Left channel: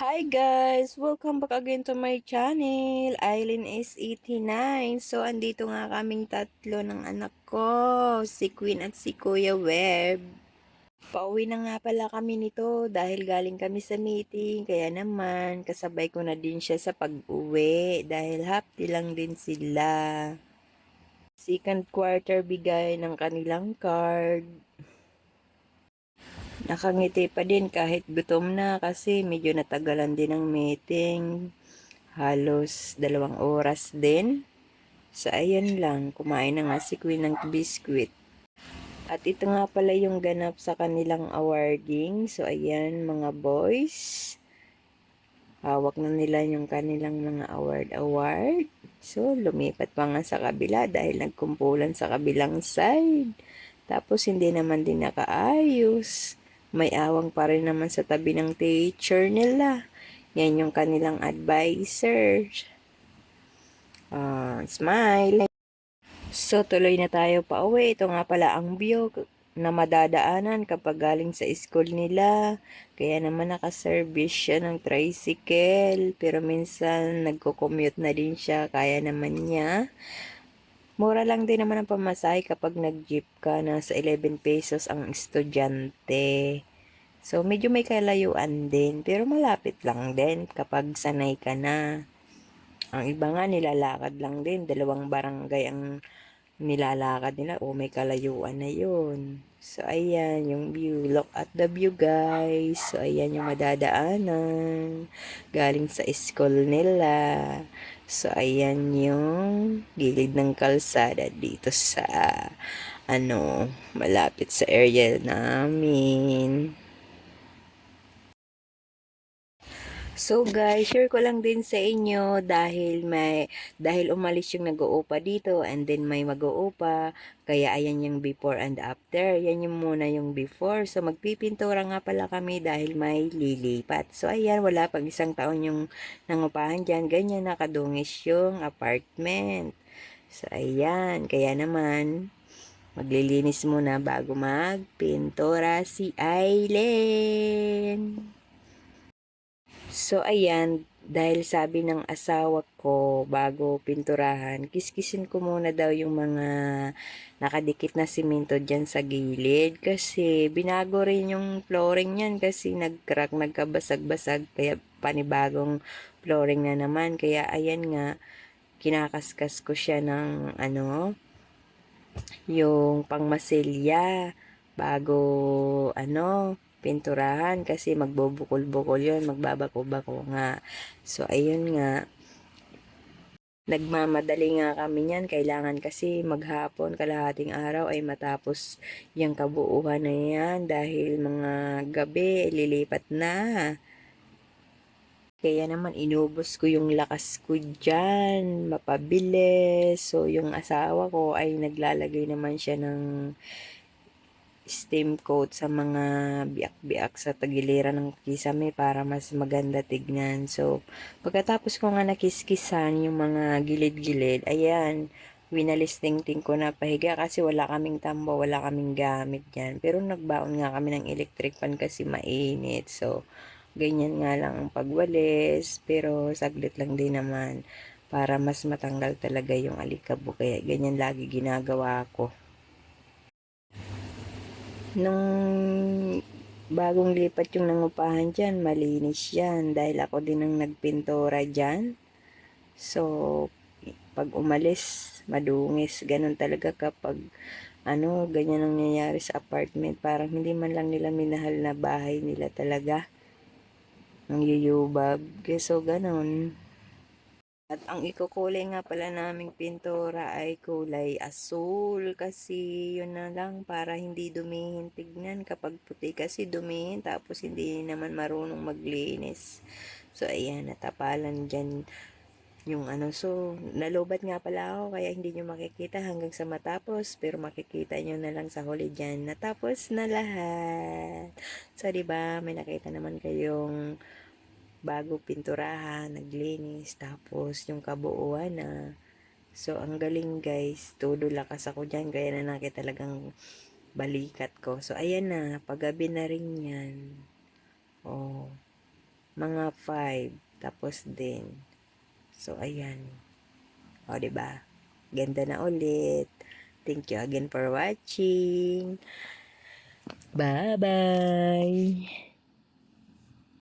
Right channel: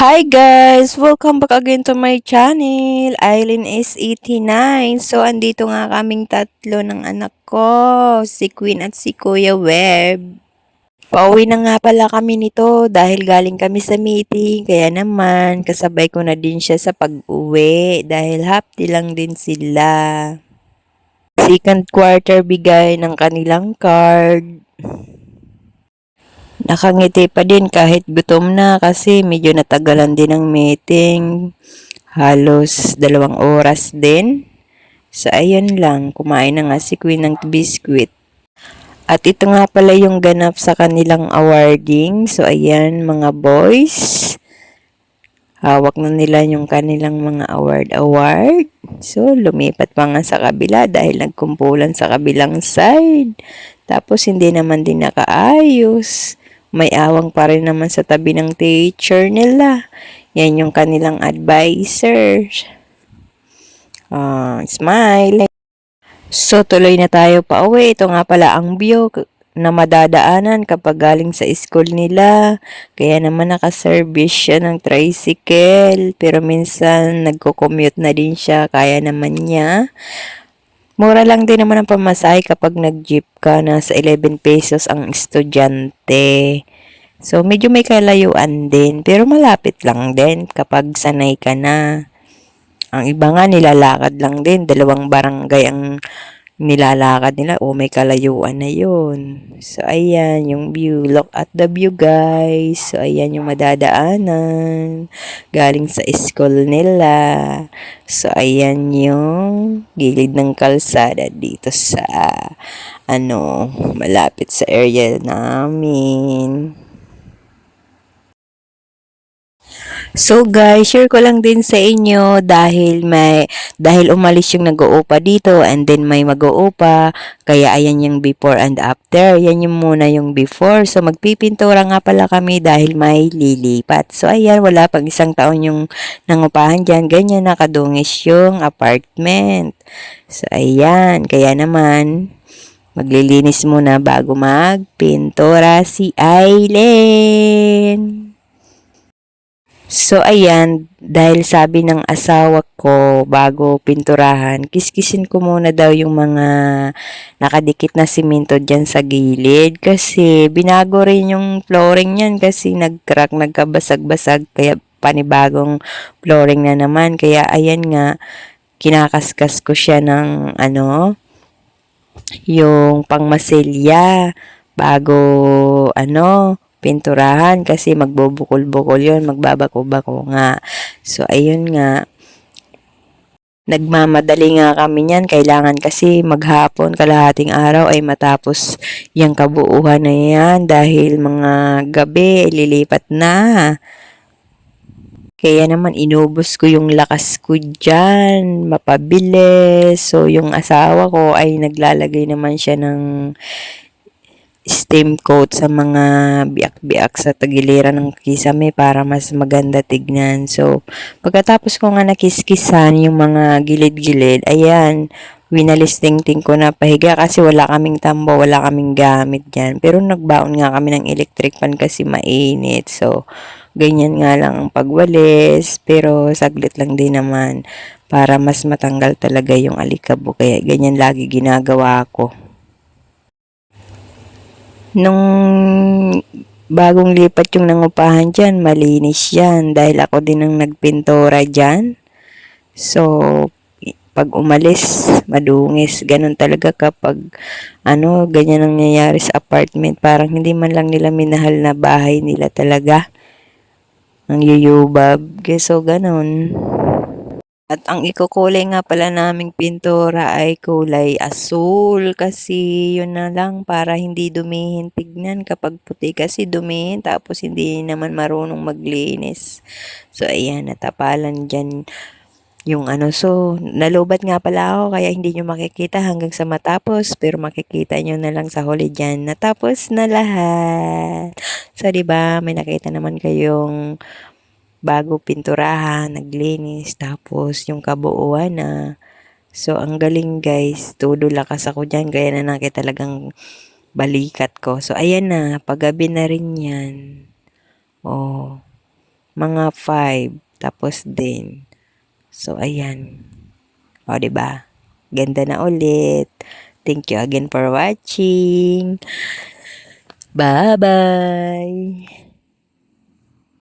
Hi guys! Welcome back again to my channel. Aileen is 89. So, andito nga kaming tatlo ng anak ko. Si Queen at si Kuya Web. Pauwi na nga pala kami nito dahil galing kami sa meeting. Kaya naman, kasabay ko na din siya sa pag-uwi dahil half day lang din sila. Second quarter bigay ng kanilang card. Nakangiti pa din kahit gutom na kasi medyo natagalan din ang meeting. Halos 2 oras din. So, ayun lang. Kumain na nga si Queen ng biscuit. At ito nga pala yung ganap sa kanilang awarding. So, ayan mga boys. Hawak na nila yung kanilang mga award. So, lumipat pa nga sa kabila dahil nagkumpulan sa kabilang side. Tapos, hindi naman din nakaayos. May awang pa rin naman sa tabi ng teacher nila. Yan yung kanilang advisor. Smile. So, tuloy na tayo pa uwi. Ito nga pala ang view na madadaanan kapag galing sa school nila. Kaya naman nakaservice siya ng tricycle. Pero minsan nagko-commute na din siya. Kaya naman niya. Mura lang din naman ang pamasahe kapag nag-jeep ka. Nasa 11 pesos ang estudyante. So, medyo may kalayuan din. Pero malapit lang din kapag sanay ka na. Ang iba nga nilalakad lang din. 2 barangay ang nilalakad nila. O may kalayuan na yun. So, ayan yung view. Look at the view guys. So, ayan yung madadaanan. Galing sa school nila. So, ayan yung gilid ng kalsada dito sa malapit sa area namin. So guys, share ko lang din sa inyo dahil umalis yung nag-uupa dito and then may mag-uupa, kaya ayan yung before and after. Yan yung muna yung before. So magpipintura nga pala kami dahil may lilipat. So ayan, wala pang 1 taon yung nangupahan diyan. Ganyan nakadungis yung apartment. So ayan, kaya naman maglilinis muna bago magpintura si Aileen. So, ayan, dahil sabi ng asawa ko bago pinturahan, kiskisin ko muna daw yung mga nakadikit na simento dyan sa gilid. Kasi binago rin yung flooring yan kasi nag-crack, nagkabasag-basag. Kaya panibagong flooring na naman. Kaya ayan nga, kinakaskas ko siya ng yung pangmasilya bago pinturahan kasi magbubukol-bukol yun, magbabako-bako nga. So, ayun nga, nagmamadali nga kami niyan. Kailangan kasi maghapon, kalahating araw ay matapos yung kabuuhan na yan dahil mga gabi lilipat na. Kaya naman inubos ko yung lakas ko dyan, mapabilis. So, yung asawa ko ay naglalagay naman siya ng steam coat sa mga biak-biak sa tagiliran ng kisame para mas maganda tignan. So, pagkatapos ko nga nakiskisan yung mga gilid-gilid, ayan, winalisting-ting ko na pahiga kasi wala kaming tambo, wala kaming gamit dyan. Pero nagbaon nga kami ng electric fan kasi mainit. So, ganyan nga lang ang pagwalis, pero saglit lang din naman para mas matanggal talaga yung alikabok. Kaya ganyan lagi ginagawa ko. Nung bagong lipat yung nangupahan dyan, malinis yan dahil ako din ang nagpintura dyan. So, pag umalis, madungis. Ganun talaga kapag ganyan ang nangyayari sa apartment. Parang hindi man lang nila minahal na bahay nila talaga. Ang yuyubab. So, ganun. At ang ikukulay nga pala naming pintura ay kulay asul kasi yun na lang para hindi dumihin tignan kapag puti kasi dumihin tapos hindi naman marunong maglinis. So ayan, natapalan dyan yung so nalubat nga pala ako kaya hindi nyo makikita hanggang sa matapos pero makikita nyo na lang sa huli dyan. Natapos na lahat. So diba, may nakita naman kayong bago pinturahan, naglinis, tapos yung kabuuan na. So, ang galing guys, todo lakas ako dyan, gaya na nakita talagang balikat ko. So, ayan na, paggabi na rin yan. Oh, mga 5. Tapos din. So, ayan. O, diba? Ganda na ulit. Thank you again for watching. Bye-bye!